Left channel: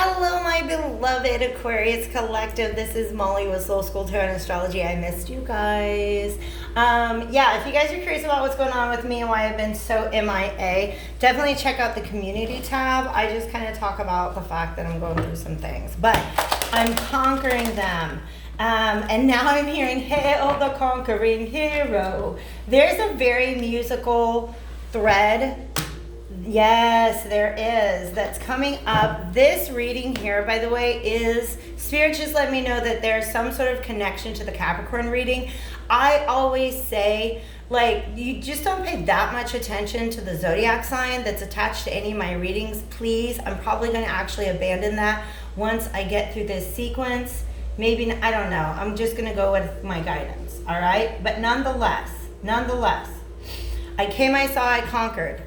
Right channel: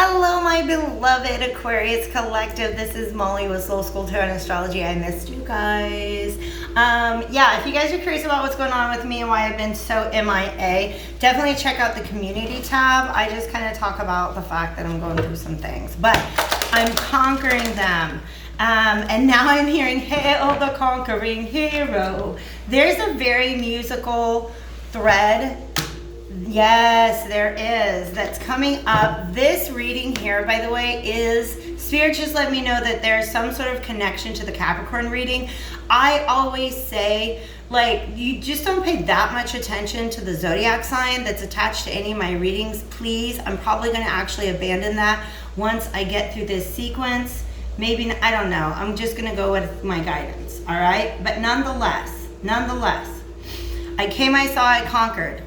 Hello, my beloved Aquarius collective. This is Molly with Soul School Tarot and Astrology. I missed you guys. If you guys are curious about what's going on with me and why I've been so MIA, definitely check out the community tab. I just kind of talk about the fact that I'm going through some things, but I'm conquering them. And now I'm hearing, Hail the Conquering Hero. There's a very musical thread. Yes, there is. That's coming up. This reading here, by the way, is Spirit just let me know that there's some sort of connection to the Capricorn reading. I always say, like, you just don't pay that much attention to the zodiac sign that's attached to any of my readings, please. I'm probably going to actually abandon that once I get through this sequence. Maybe, I don't know. I'm just going to go with my guidance, all right? But nonetheless, I came, I saw, I conquered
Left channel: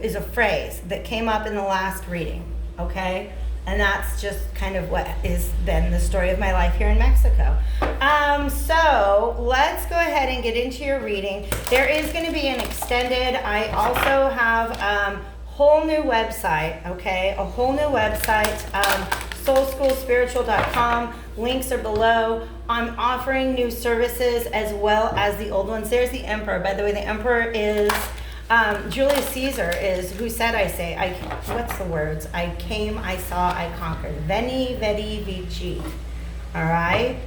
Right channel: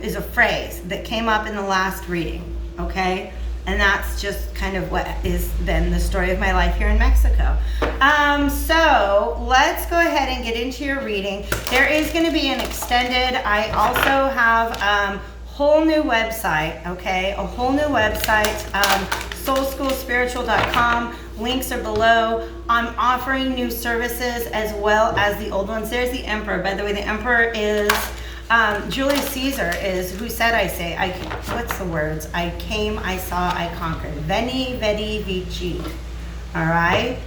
is a phrase that came up in the last reading, okay? And that's just kind of what is then the story of my life here in Mexico. So let's go ahead and get into your reading. There is going to be an extended, I also have a whole new website, okay? A whole new website, soulschoolspiritual.com. Links are below. I'm offering new services as well as the old ones. There's the Emperor. By the way, the Emperor is Julius Caesar is who said what's the words? I came, I saw, I conquered. Veni, vidi, vici. All right?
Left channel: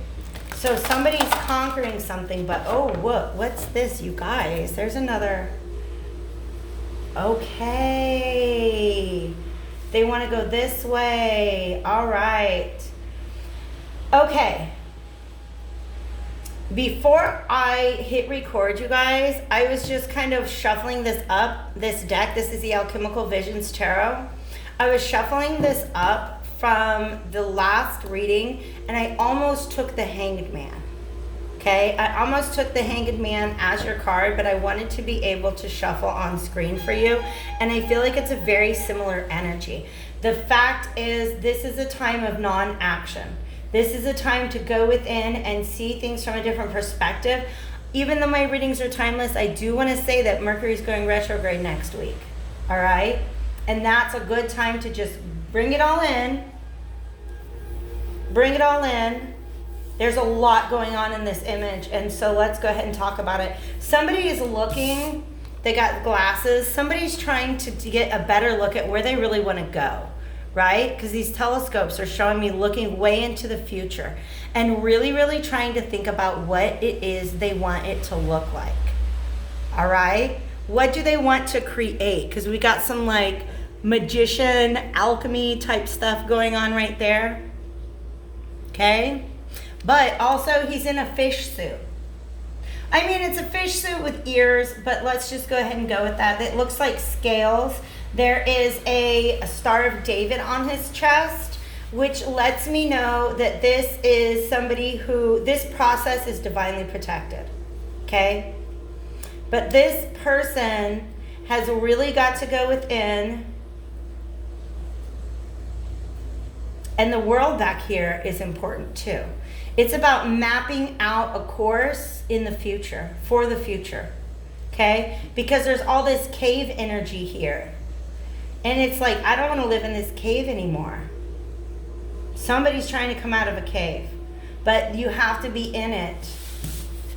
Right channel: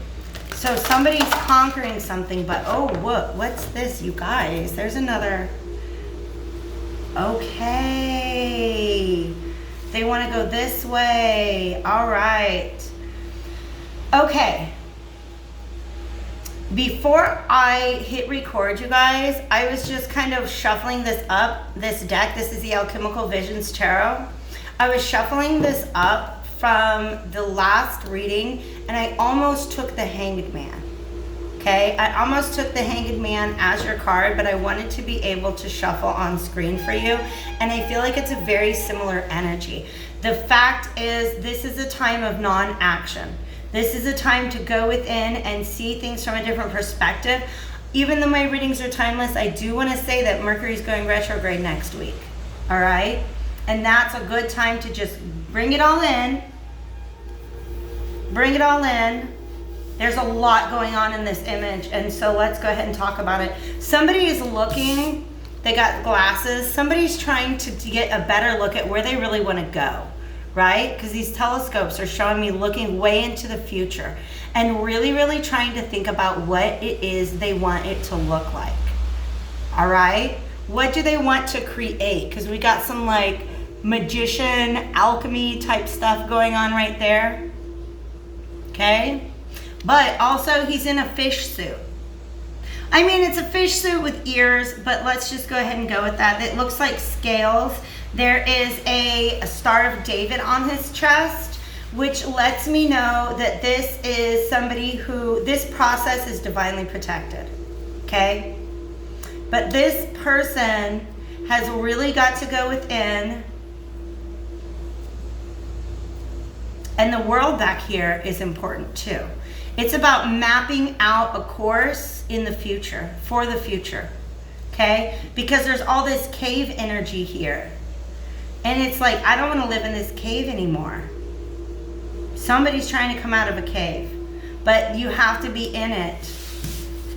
So somebody's conquering something, but what's this, you guys? There's another. Okay. They want to go this way. All right. Okay. Before I hit record, you guys, I was just kind of shuffling this deck. This is the Alchemical Visions Tarot. I was shuffling this up from the last reading, and I almost took the Hanged Man. Okay, I almost took the Hanged Man as your card, but I wanted to be able to shuffle on screen for you, and I feel like it's a very similar energy. The fact is, this is a time of non-action. This is a time to go within and see things from a different perspective. Even though my readings are timeless, I do want to say that Mercury's going retrograde next week. All right? And that's a good time to just bring it all in. Bring it all in. There's a lot going on in this image, and so let's go ahead and talk about it. Somebody is looking, they got glasses. Somebody's trying to get a better look at where they really want to go. Right? Because these telescopes are showing me looking way into the future and really, really trying to think about what it is they want it to look like. All right? What do they want to create? Because we got some like magician, alchemy type stuff going on right there. Okay? But also he's in a fish suit. I mean, it's a fish suit with ears, but let's just go ahead and go with that. It looks like scales. There is a Star of David on his chest, which lets me know that this is somebody who, this process is divinely protected, okay? But this person has really got to go within, and the world back here is important too. It's about mapping out a course in the future, for the future, okay? Because there's all this cave energy here. And it's like, I don't want to live in this cave anymore. Somebody's trying to come out of a cave. But you have to be in it.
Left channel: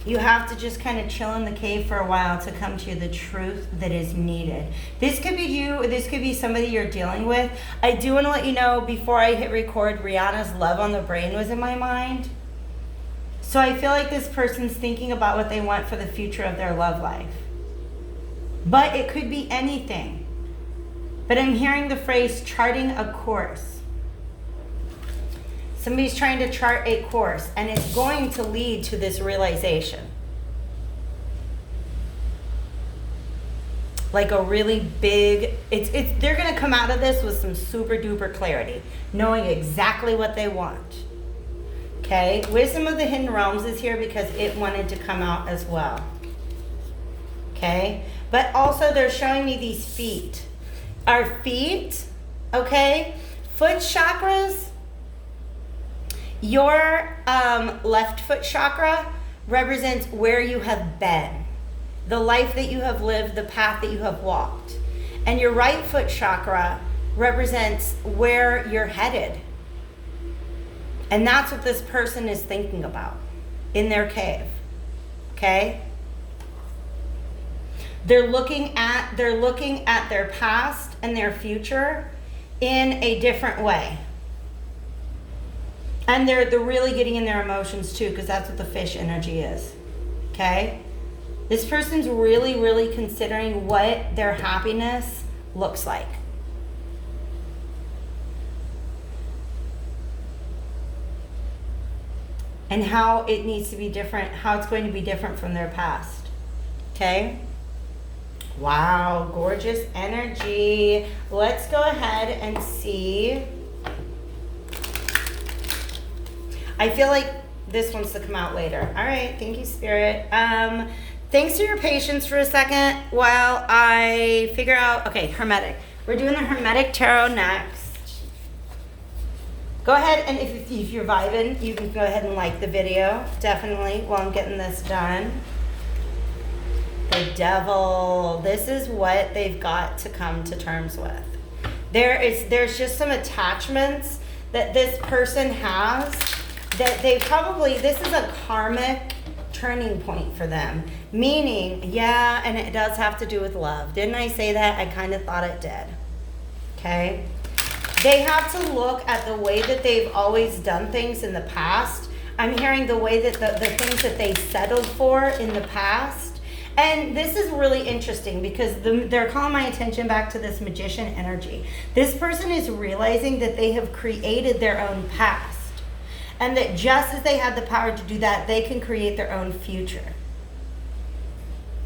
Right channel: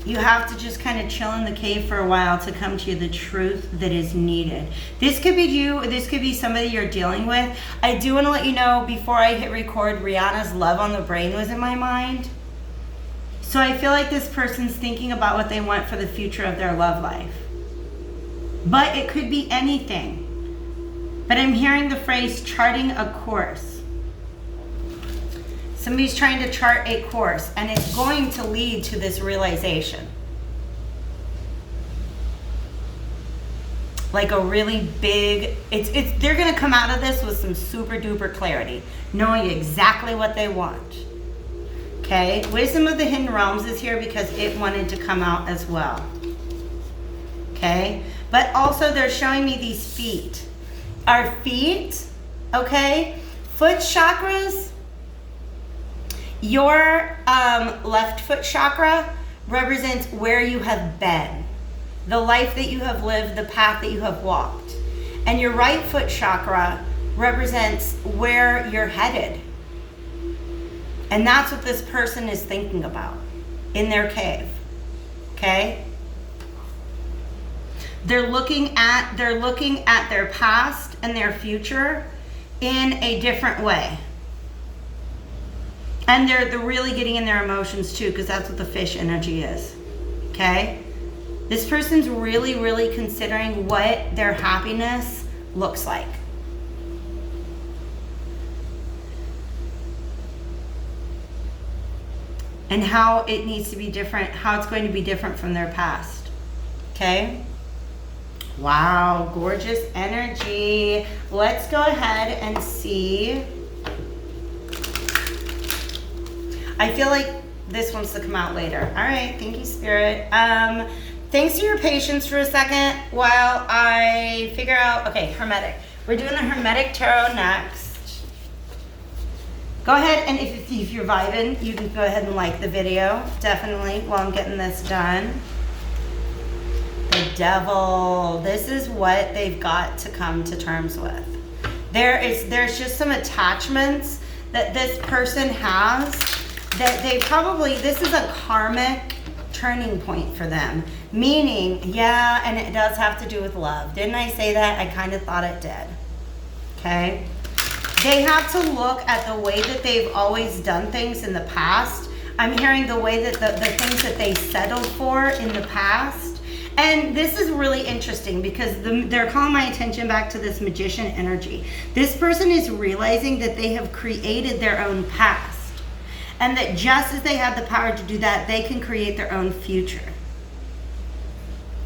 You have to just kind of chill in the cave for a while to come to the truth that is needed. This could be you. This could be somebody you're dealing with. I do want to let you know, before I hit record, Rihanna's Love on the Brain was in my mind. So I feel like this person's thinking about what they want for the future of their love life. But it could be anything. But I'm hearing the phrase charting a course. Somebody's trying to chart a course, and it's going to lead to this realization. Like a really big, they're going to come out of this with some super duper clarity, knowing exactly what they want. Okay, Wisdom of the Hidden Realms is here because it wanted to come out as well. Okay, but also they're showing me these feet. Our feet, okay, foot chakras, your left foot chakra represents where you have been, the life that you have lived, the path that you have walked. And your right foot chakra represents where you're headed. And that's what this person is thinking about in their cave. Okay? They're looking at their past and their future in a different way. And they're really getting in their emotions too, because that's what the fish energy is. Okay? This person's really, really considering what their happiness looks like. And how it needs to be different, how it's going to be different from their past. Okay? Wow, gorgeous energy. Let's go ahead and see. I feel like this wants to come out later. All right, thank you, Spirit. Thanks for your patience for a second while I figure out, okay, Hermetic. We're doing the Hermetic Tarot next. Go ahead, and if you're vibing, you can go ahead and like the video, definitely, while I'm getting this done. The Devil. This is what they've got to come to terms with. There's just some attachments that this person has that they probably, this is a karmic turning point for them. Meaning, yeah, and it does have to do with love. Didn't I say that? I kind of thought it did. Okay? They have to look at the way that they've always done things in the past. I'm hearing the way that the things that they settled for in the past. And this is really interesting because they're calling my attention back to this magician energy. This person is realizing that they have created their own past. And that just as they have the power to do that, they can create their own future.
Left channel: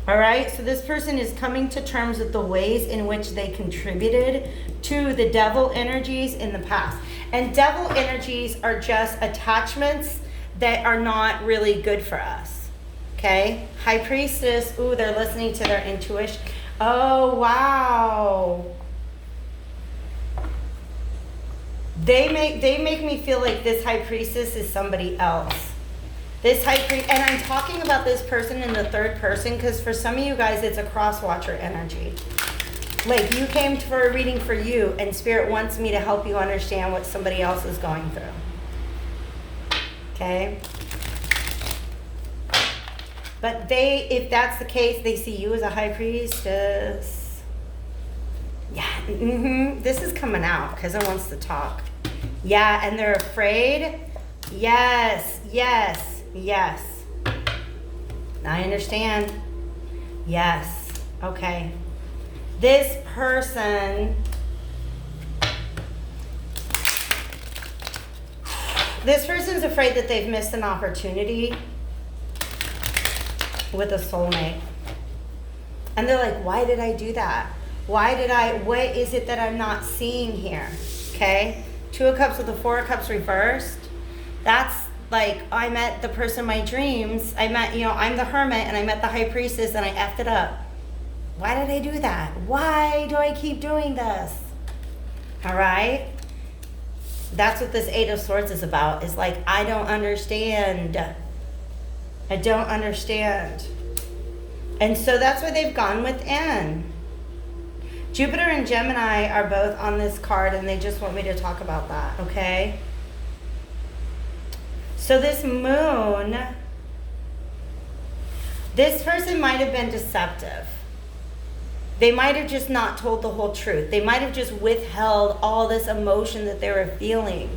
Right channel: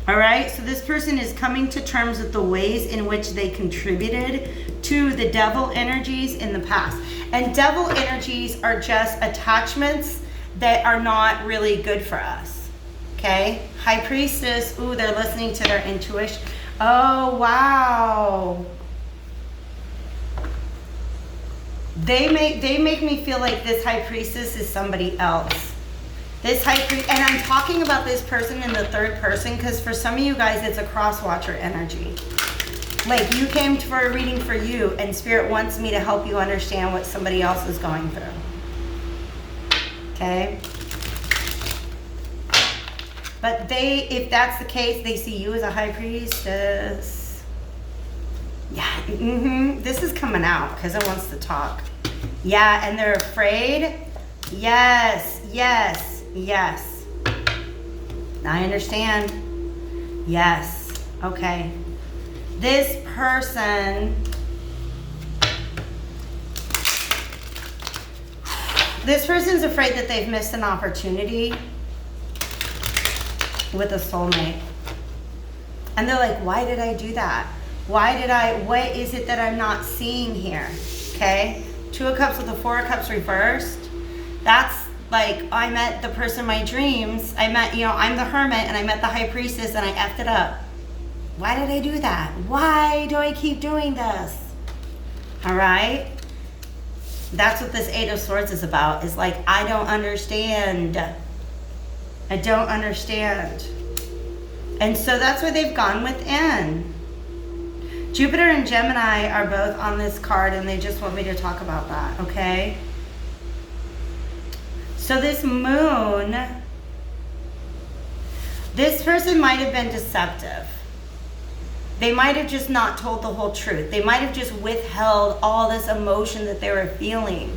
All right, so this person is coming to terms with the ways in which they contributed to the devil energies in the past. And devil energies are just attachments that are not really good for us. Okay? High Priestess, ooh, they're listening to their intuition. Oh, wow. They make me feel like this High Priestess is somebody else. This High Priest, and I'm talking about this person in the third person because for some of you guys, it's a cross-watcher energy. Like you came for a reading for you and Spirit wants me to help you understand what somebody else is going through. Okay? But if that's the case, they see you as a High Priestess. Yeah, this is coming out because it wants to talk. Yeah, and they're afraid. Yes, yes. Yes. I understand. Yes. Okay. This person's afraid that they've missed an opportunity with a soulmate. And they're like, why did I do that? What is it that I'm not seeing here? Okay? Two of Cups with the Four of Cups reversed. That's like, I met the person of my dreams. I'm the Hermit, and I met the High Priestess, and I effed it up. Why did I do that? Why do I keep doing this? All right? That's what this Eight of Swords is about, is like, I don't understand. I don't understand. And so that's why they've gone within. Jupiter and Gemini are both on this card, and they just want me to talk about that, okay? So this moon, this person might have been deceptive. They might have just not told the whole truth. They might have just withheld all this emotion that they were feeling.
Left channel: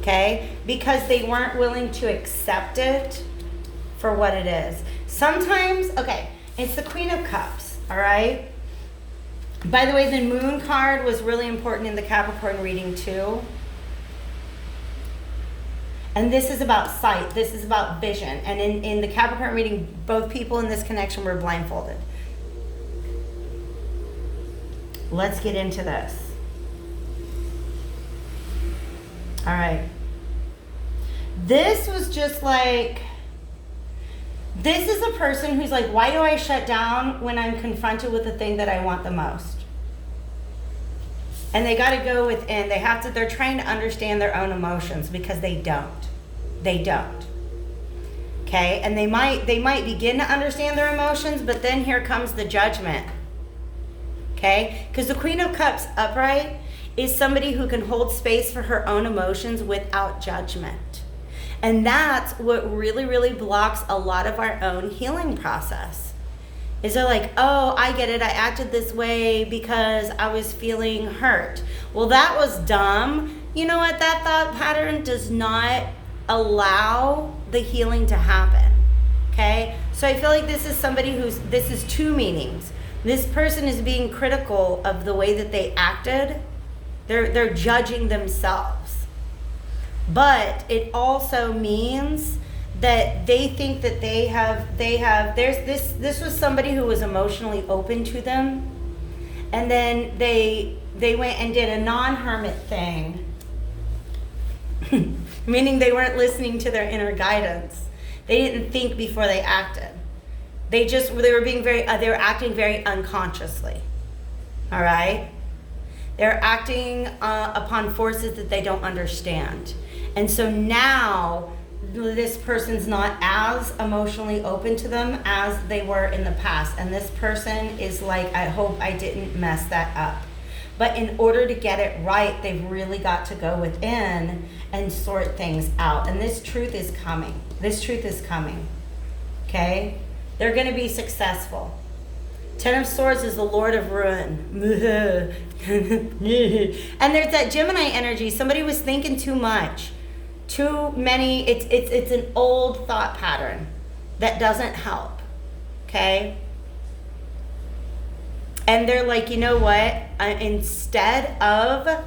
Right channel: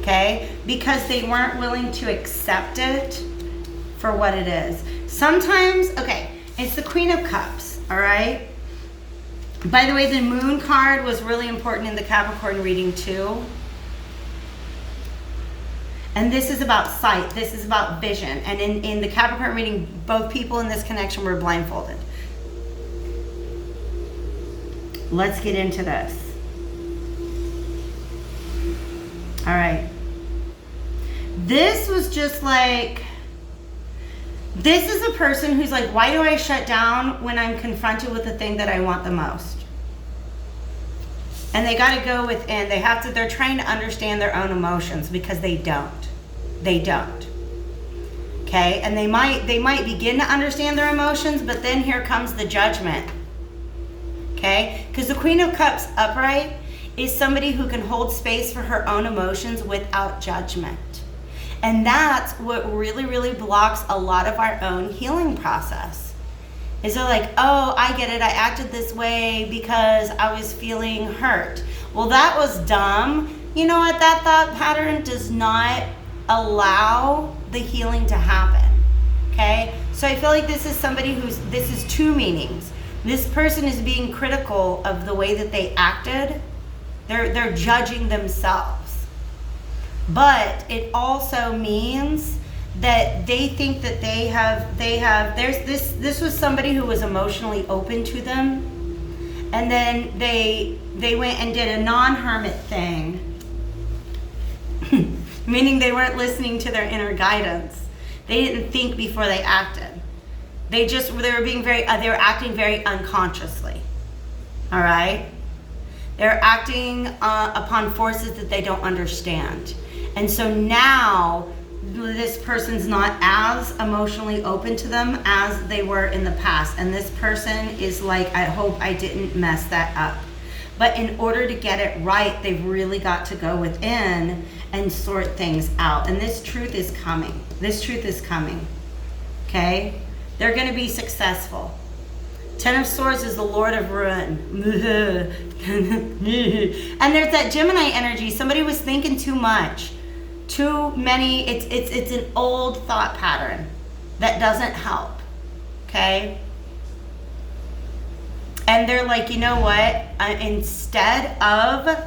Okay? Because they weren't willing to accept it for what it is. Sometimes, okay, it's the Queen of Cups, all right? By the way, the moon card was really important in the Capricorn reading too. And this is about sight. This is about vision. And in the Capricorn reading, both people in this connection were blindfolded. Let's get into this. All right. This was just like, this is a person who's like, why do I shut down when I'm confronted with the thing that I want the most? And they got to go within. They're trying to understand their own emotions because they don't. They don't. Okay? And they might begin to understand their emotions, but then here comes the judgment. okay? Because the Queen of Cups upright is somebody who can hold space for her own emotions without judgment. And that's what really, really blocks a lot of our own healing process. Is they're like, oh, I get it. I acted this way because I was feeling hurt. Well, that was dumb. You know what? That thought pattern does not allow the healing to happen. Okay? So I feel like this is somebody this is two meanings. This person is being critical of the way that they acted. They're judging themselves. But it also means that they think that this was somebody who was emotionally open to them, and then they went and did a non-hermit thing, meaning they weren't listening to their inner guidance. They didn't think before they acted. They were acting very unconsciously. All right? They're acting upon forces that they don't understand. And so now this person's not as emotionally open to them as they were in the past. And this person is like, I hope I didn't mess that up. But in order to get it right, they've really got to go within and sort things out. And this truth is coming. This truth is coming. Okay? They're going to be successful. Ten of Swords is the Lord of Ruin. And there's that Gemini energy. Somebody was thinking too much. Too many. It's an old thought pattern that doesn't help. Okay? And they're like, you know what? Instead of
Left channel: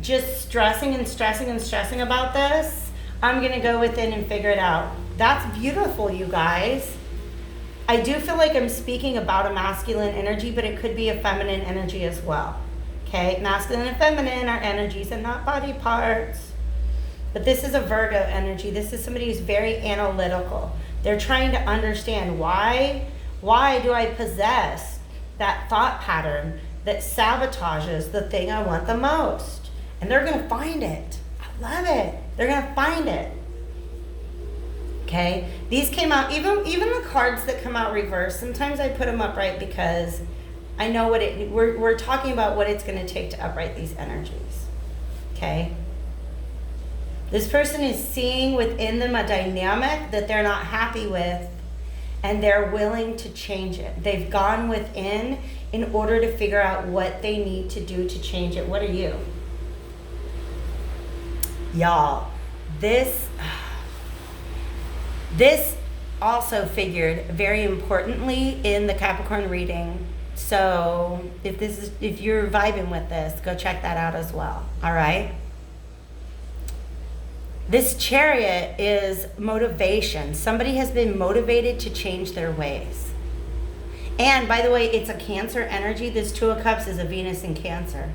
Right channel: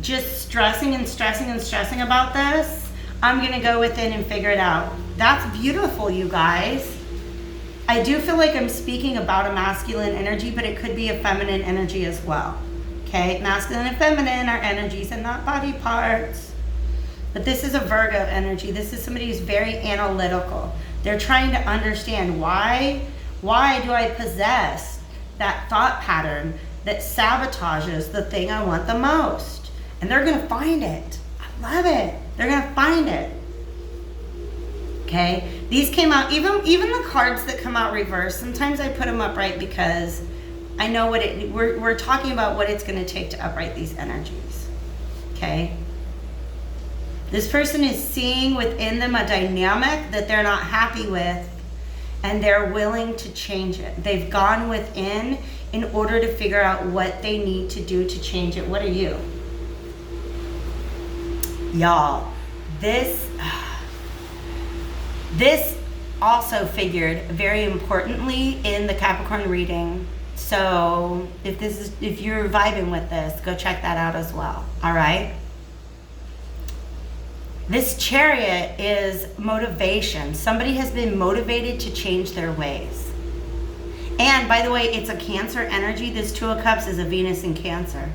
just stressing about this, I'm going to go within and figure it out. That's beautiful, you guys. I do feel like I'm speaking about a masculine energy, but it could be a feminine energy as well. Okay? Masculine and feminine are energies and not body parts. But this is a Virgo energy. This is somebody who's very analytical. They're trying to understand why do I possess that thought pattern that sabotages the thing I want the most. And they're going to find it. I love it. They're going to find it. Okay? These came out, even the cards that come out reversed, sometimes I put them upright because I know we're talking about what it's going to take to upright these energies. Okay? This person is seeing within them a dynamic that they're not happy with, and they're willing to change it. They've gone within in order to figure out what they need to do to change it. What are you? Y'all, this also figured very importantly in the Capricorn reading. So if you're vibing with this, go check that out as well. All right? This Chariot is motivation. Somebody has been motivated to change their ways. And by the way, it's a Cancer energy. This Two of Cups is a Venus in Cancer.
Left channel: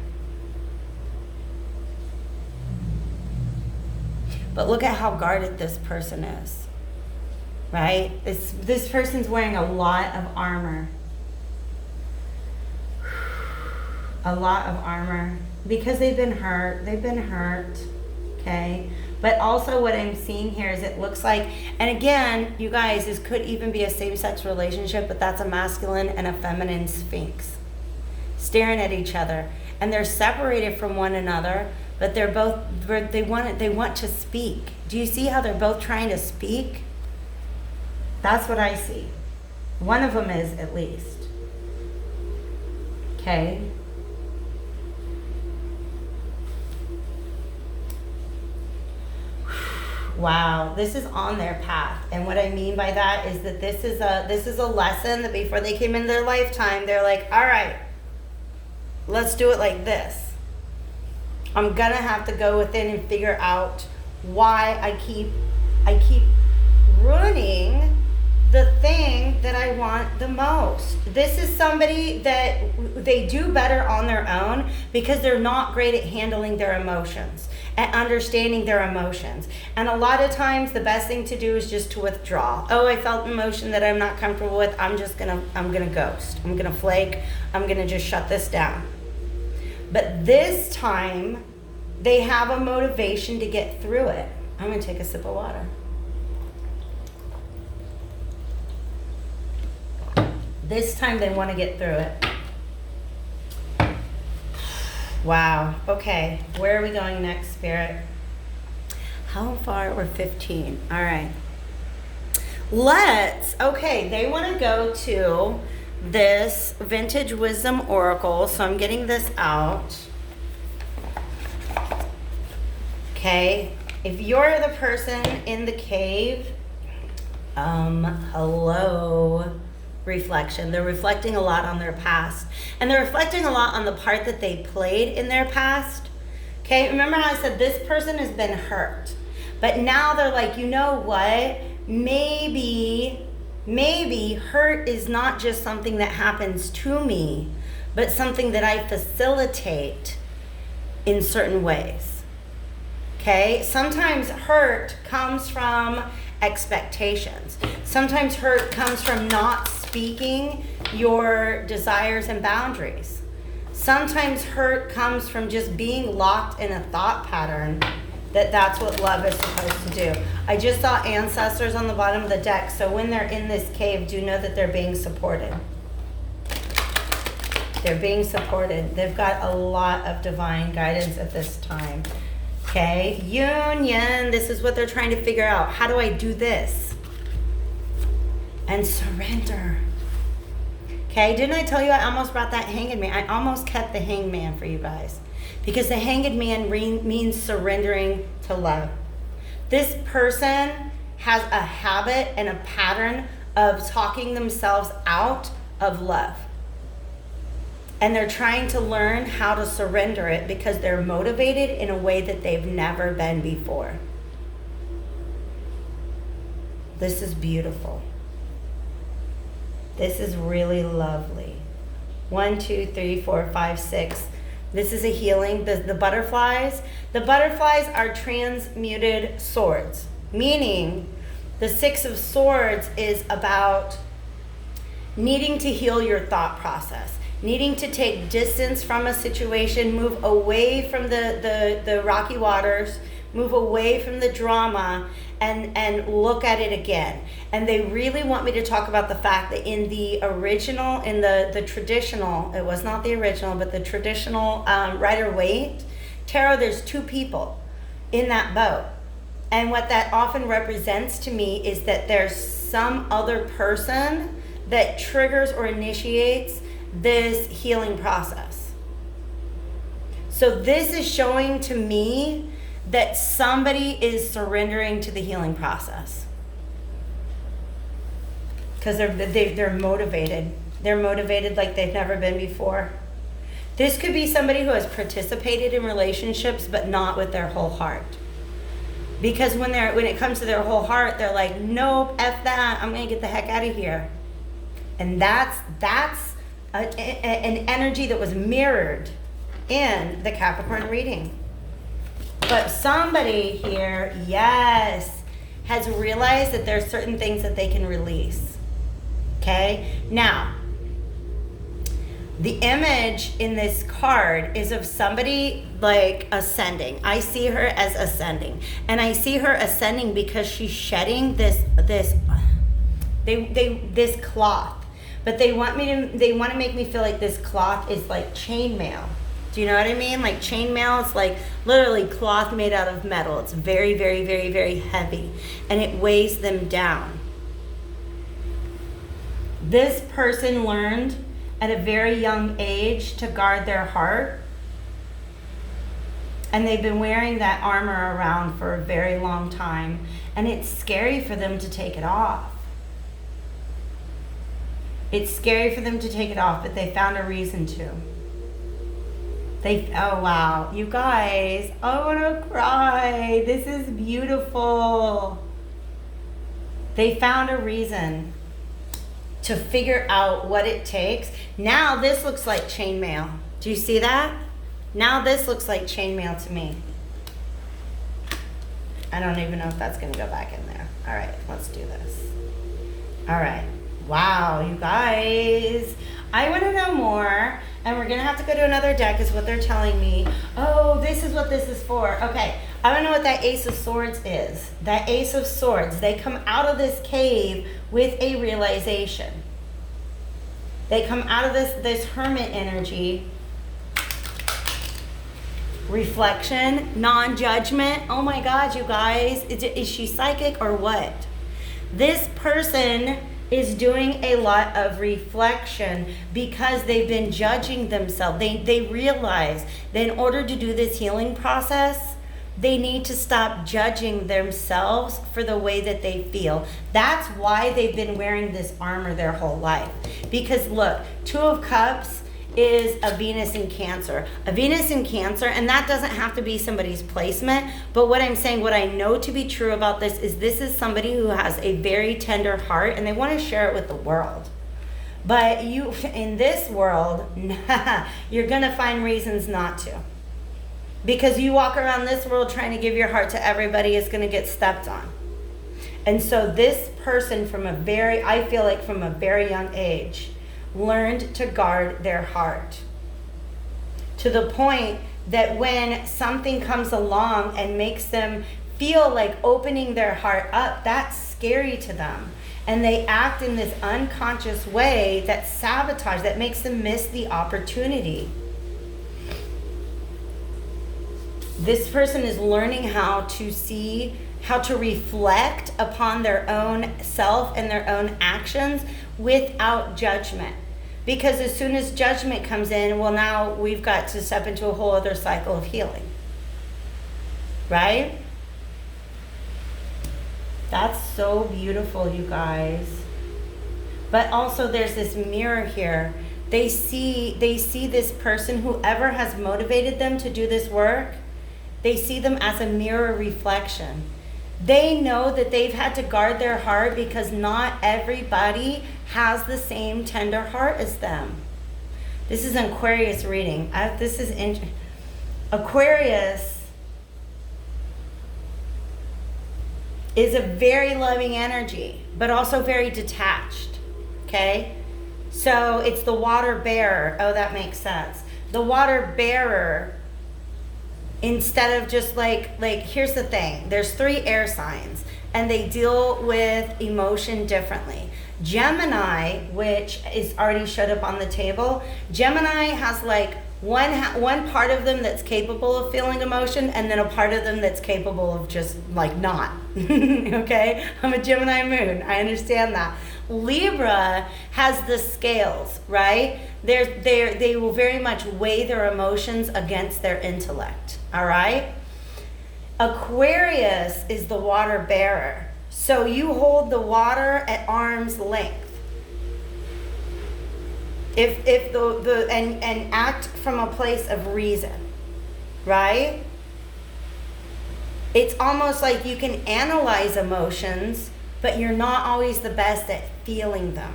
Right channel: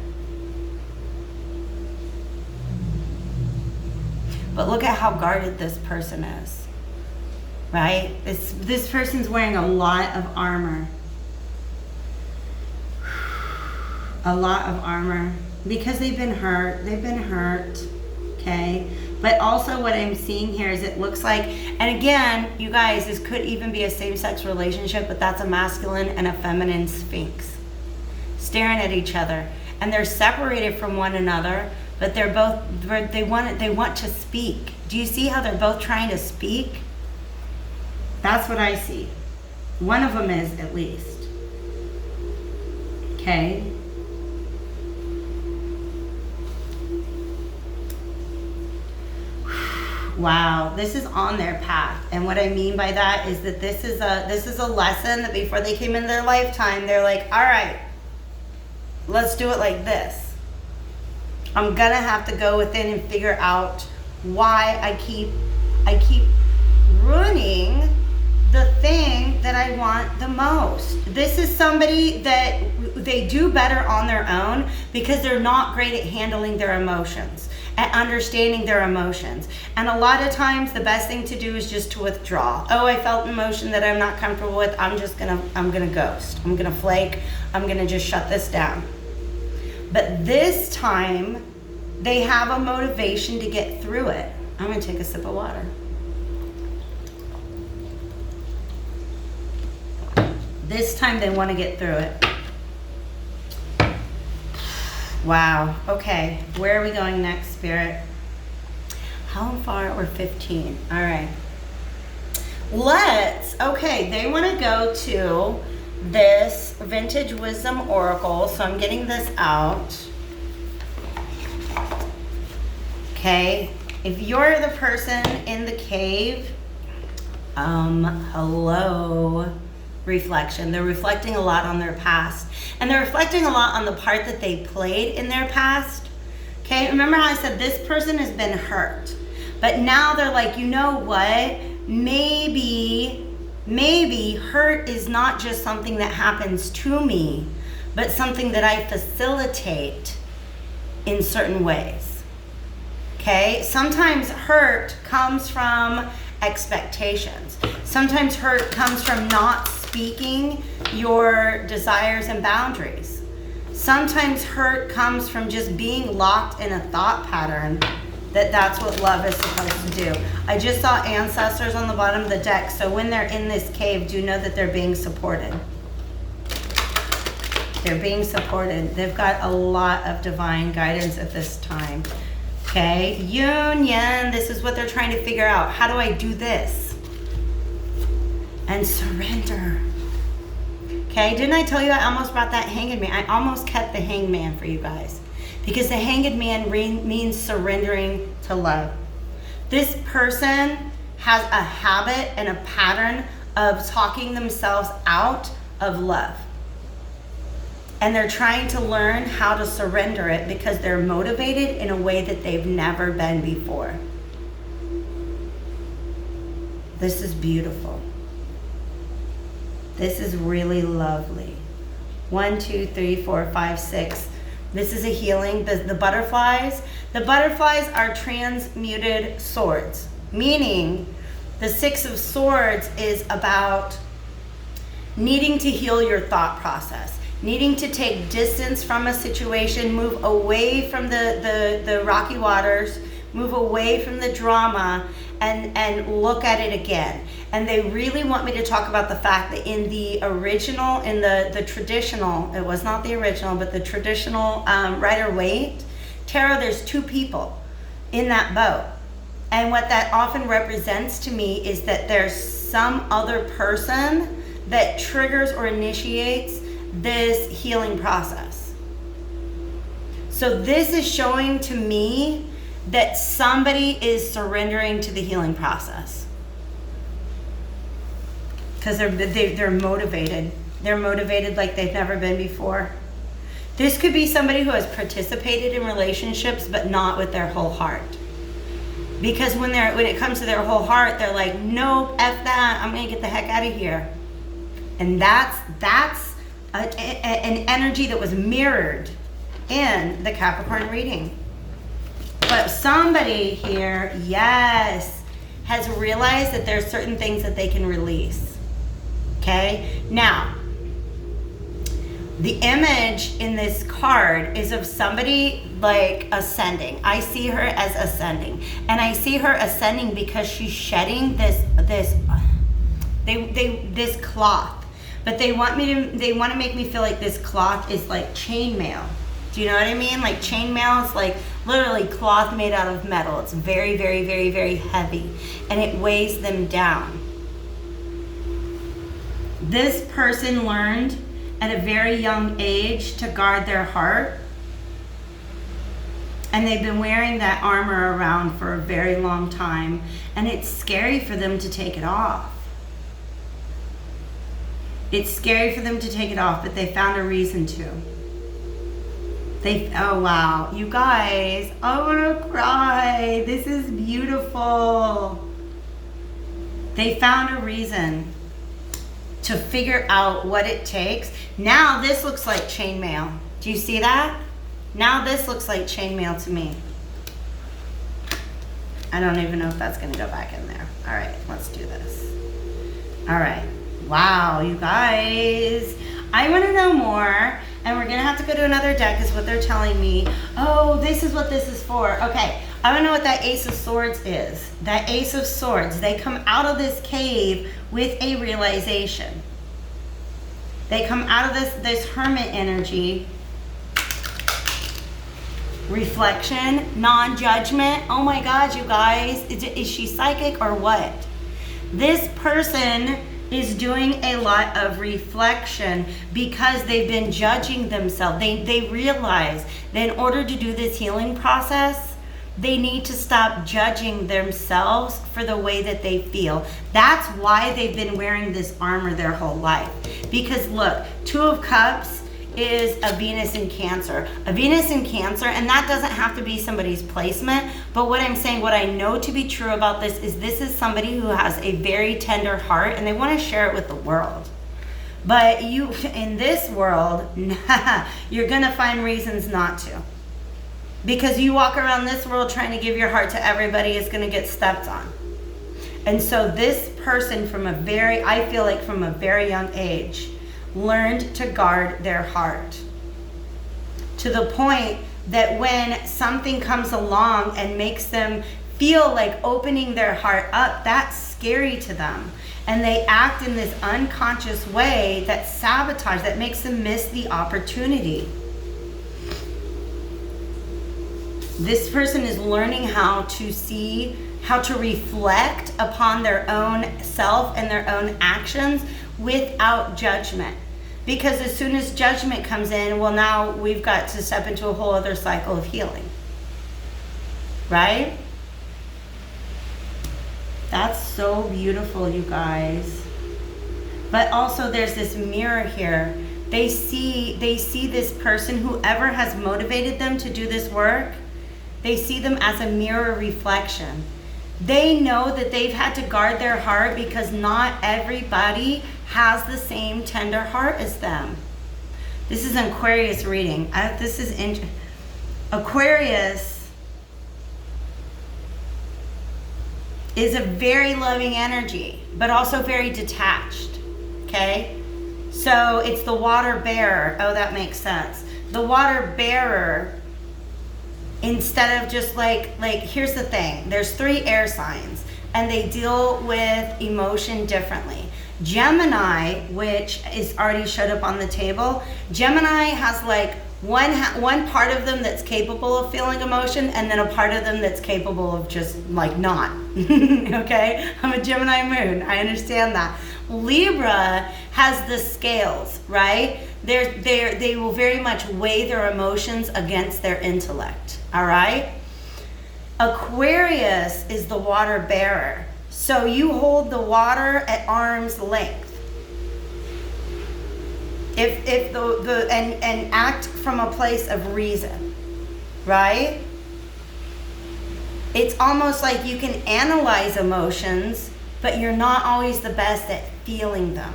But look at how guarded this person is. Right? This person's wearing a lot of armor. A lot of armor. Because they've been hurt. Okay? But also what I'm seeing here is it looks like, and again, you guys, this could even be a same-sex relationship, but that's a masculine and a feminine sphinx staring at each other. And they're separated from one another, but they want to speak. Do you see how they're both trying to speak? That's what I see. One of them is, at least. Okay? Wow, this is on their path. And what I mean by that is that this is a lesson that before they came in their lifetime, they're like, all right, let's do it like this. I'm gonna have to go within and figure out why I keep ruining the thing that I want the most. This is somebody that they do better on their own because they're not great at handling their emotions and understanding their emotions. And a lot of times the best thing to do is just to withdraw. Oh, I felt an emotion that I'm not comfortable with. I'm gonna ghost. I'm gonna flake. I'm gonna just shut this down. But this time they have a motivation to get through it. I'm gonna take a sip of water. This time they want to get through it. Wow. Okay. Where are we going next, Spirit? How far? We're 15. All right. Okay, they want to go to this Vintage Wisdom Oracle. So I'm getting this out. Okay. If you're the person in the cave, hello, reflection. They're reflecting a lot on their past. And they're reflecting a lot on the part that they played in their past. Okay, remember how I said this person has been hurt. But now they're like, you know what? Maybe hurt is not just something that happens to me, but something that I facilitate in certain ways. Okay, sometimes hurt comes from expectations. Sometimes hurt comes from not speaking your desires and boundaries. Sometimes hurt comes from just being locked in a thought pattern that's what love is supposed to do. I just saw ancestors on the bottom of the deck, so when they're in this cave, do know that they're being supported. They're being supported. They've got a lot of divine guidance at this time. Okay, union, this is what they're trying to figure out. How do I do this? And surrender. Okay, didn't I tell you I almost brought that Hanged Man? I almost kept the Hanged Man for you guys. Because the Hanged Man means surrendering to love. This person has a habit and a pattern of talking themselves out of love. And they're trying to learn how to surrender it because they're motivated in a way that they've never been before. This is beautiful. This is really lovely. 1, 2, 3, 4, 5, 6. This is a healing. The butterflies are transmuted swords, meaning the 6 of Swords is about needing to heal your thought process, needing to take distance from a situation, move away from the rocky waters, move away from the drama, and look at it again. And they really want me to talk about the fact that in the original, in the traditional, it was not the original, but the traditional Rider-Waite tarot, there's 2 people in that boat. And what that often represents to me is that there's some other person that triggers or initiates this healing process. So this is showing to me that somebody is surrendering to the healing process. Because they're motivated. They're motivated like they've never been before. This could be somebody who has participated in relationships but not with their whole heart. Because when it comes to their whole heart, they're like, nope, F that, I'm gonna get the heck out of here. And that's an energy that was mirrored in the Capricorn reading. But somebody here, yes, has realized that there's certain things that they can release. Okay? Now, the image in this card is of somebody like ascending. I see her as ascending. And I see her ascending because she's shedding this cloth. But they want to make me feel like this cloth is like chainmail. Do you know what I mean? Like chainmail is like literally cloth made out of metal. It's very, very, very, very heavy. And it weighs them down. This person learned at a very young age to guard their heart. And they've been wearing that armor around for a very long time. And it's scary for them to take it off. It's scary for them to take it off, but they found a reason to. Oh wow, you guys, I want to cry. This is beautiful. They found a reason to figure out what it takes. Now this looks like chainmail. Do you see that? Now this looks like chainmail to me. I don't even know if that's gonna go back in there. All right, let's do this. All right, wow, you guys. I want to know more, and we're going to have to go to another deck is what they're telling me. Oh, this is what this is for. Okay, I want to know what that Ace of Swords is. That Ace of Swords, they come out of this cave with a realization. They come out of this hermit energy reflection, non-judgment. Oh my God, you guys, is she psychic or what? This person is doing a lot of reflection because they've been judging themselves. They realize that in order to do this healing process, they need to stop judging themselves for the way that they feel. That's why they've been wearing this armor their whole life. Because look, Two of Cups is a Venus in Cancer. A Venus in Cancer, and that doesn't have to be somebody's placement, but what I'm saying, what I know to be true about this is somebody who has a very tender heart and they want to share it with the world. But you, in this world, you're gonna find reasons not to. Because you walk around this world trying to give your heart to everybody is going to get stepped on. And so this person I feel like from a very young age, learned to guard their heart. To the point that when something comes along and makes them feel like opening their heart up, that's scary to them. And they act in this unconscious way that sabotage, that makes them miss the opportunity. This person is learning how to reflect upon their own self and their own actions without judgment. Because as soon as judgment comes in, well, now we've got to step into a whole other cycle of healing. Right? That's so beautiful, you guys. But also there's this mirror here. They see this person, whoever has motivated them to do this work, they see them as a mirror reflection. They know that they've had to guard their heart because not everybody has the same tender heart as them. This is an Aquarius reading. Aquarius is a very loving energy, but also very detached, okay? So it's the water bearer. Oh, that makes sense. The water bearer, instead of just like here's the thing, there's 3 air signs and they deal with emotion differently. Gemini, which is already showed up on the table, Gemini has like one part of them that's capable of feeling emotion and then a part of them that's capable of just like not. Okay, I'm a Gemini moon, I understand that. Libra has the scales, right? They will very much weigh their emotions against their intellect, all right? Aquarius is the water bearer. So you hold the water at arm's length. And act from a place of reason, right? It's almost like you can analyze emotions, but you're not always the best at feeling them.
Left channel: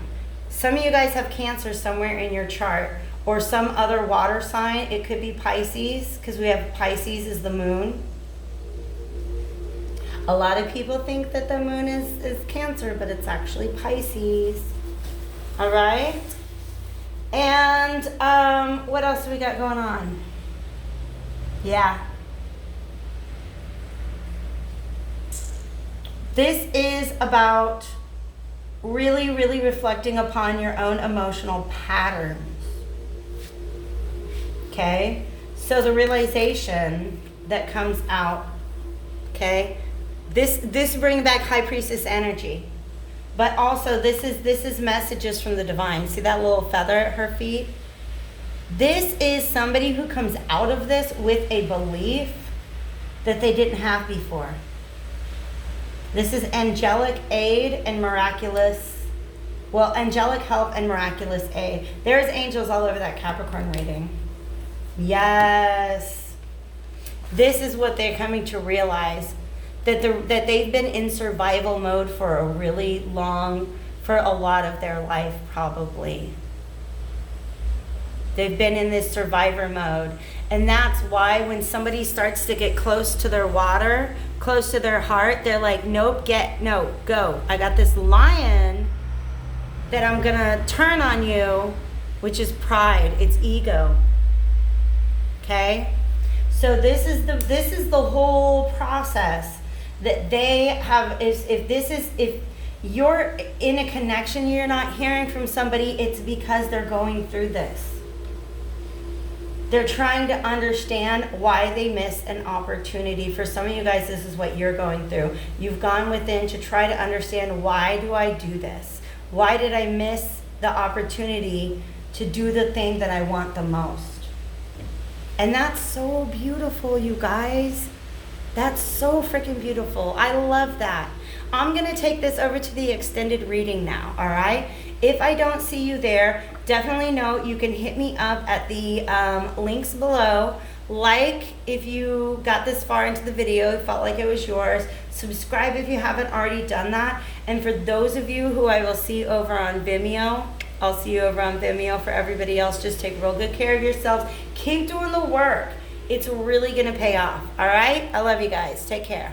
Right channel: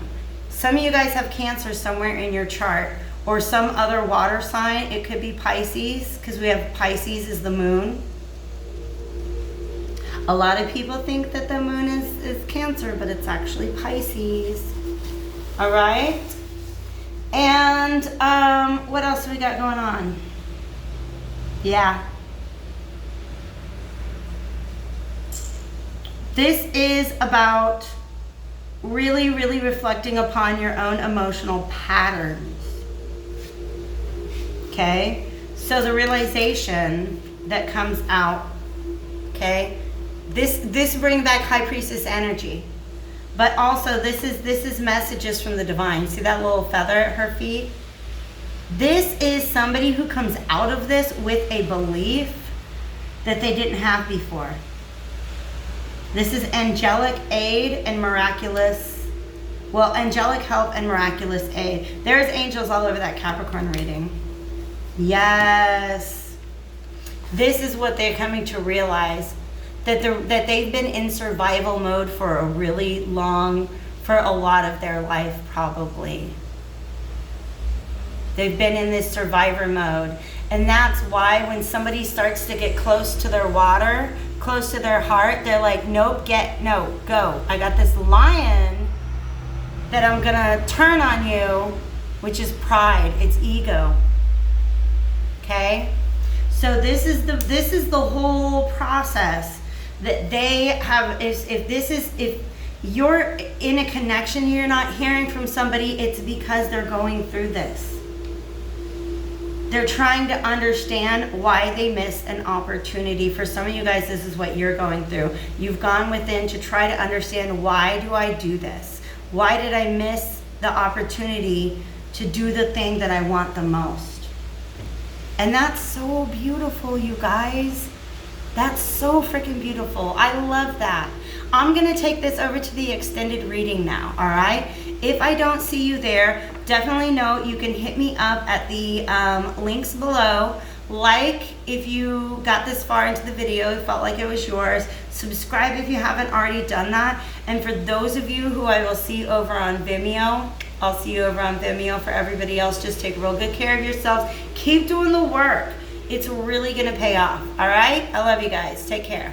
Some of you guys have Cancer somewhere in your chart, or some other water sign. It could be Pisces, because we have Pisces as the moon. A lot of people think that the moon is Cancer, but it's actually Pisces. All right? And what else do we got going on? Yeah. This is about really, really reflecting upon your own emotional patterns. Okay? So the realization that comes out, okay? This brings back High Priestess energy. But also this is messages from the divine. See that little feather at her feet? This is somebody who comes out of this with a belief that they didn't have before. This is angelic aid and angelic help and miraculous aid. There's angels all over that Capricorn reading. Yes. This is what they're coming to realize. That they've been in survival mode for a lot of their life probably. They've been in this survivor mode. And that's why when somebody starts to get close to their water, close to their heart, they're like, nope, go. I got this lion that I'm gonna turn on you, which is pride, it's ego. Okay? So this is the whole process that they have. If you're in a connection, you're not hearing from somebody, it's because they're going through this. They're trying to understand why they missed an opportunity. For some of you guys, this is what you're going through. You've gone within to try to understand, why do I do this? Why did I miss the opportunity to do the thing that I want the most? And that's so beautiful, you guys. That's so freaking beautiful. I love that. I'm going to take this over to the extended reading now, all right? If I don't see you there, definitely know you can hit me up at the links below. Like if you got this far into the video, felt like it was yours. Subscribe if you haven't already done that. And for those of you who I will see over on Vimeo, I'll see you over on Vimeo. For everybody else, just take real good care of yourselves. Keep doing the work. It's really going to pay off, all right? I love you guys. Take care.